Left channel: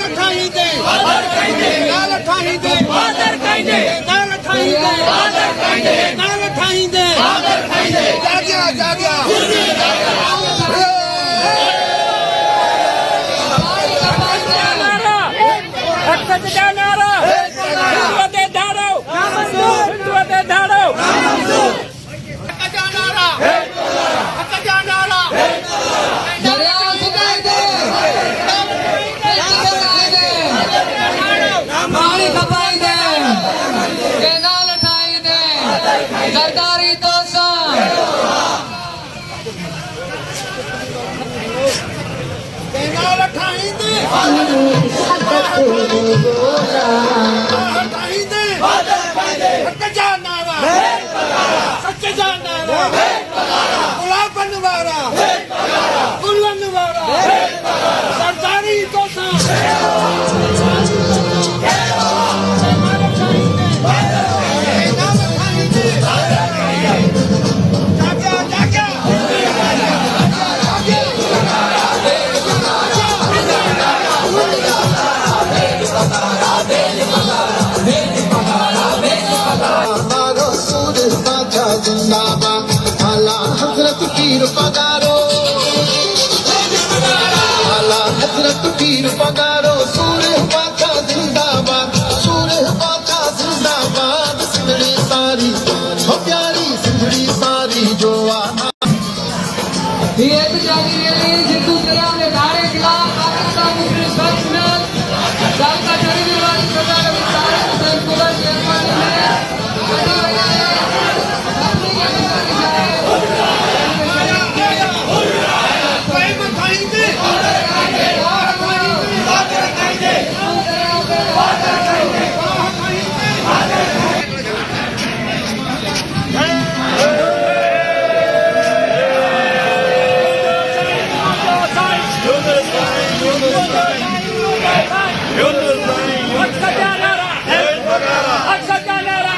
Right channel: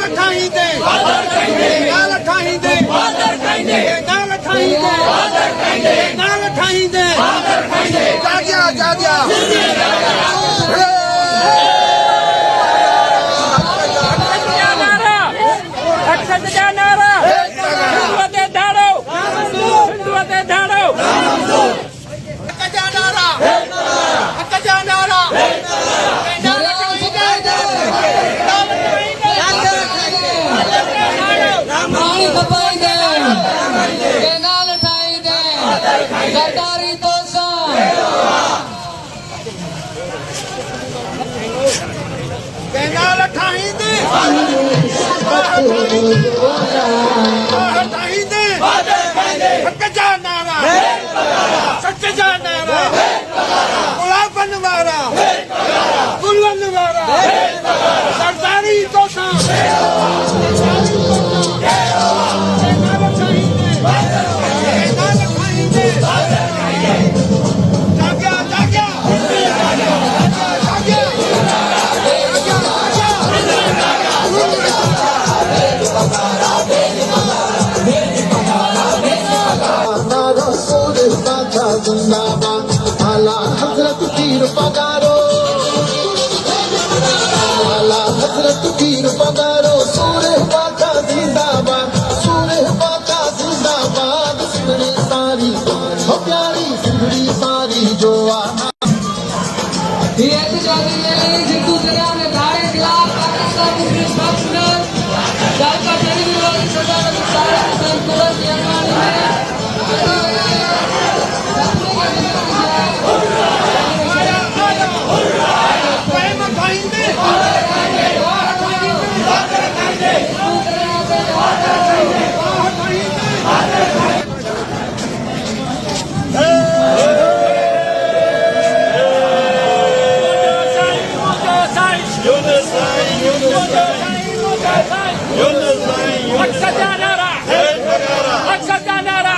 सरदारी तो सरदारी तो हजरत पीर पगारो हजरत पीर पगारो सूरे पाका जिंदाबाद सूरे पाका जिंदाबाद सिंधड़ी सारी हो प्यारी सिंधड़ी सारी जो आना ये जितू दरिया ने नारे खिलाफ पाकिस्तान के पक्ष में जायका करने वाली सरकार सारे संतुलन निर्माण में Aksaka Nara!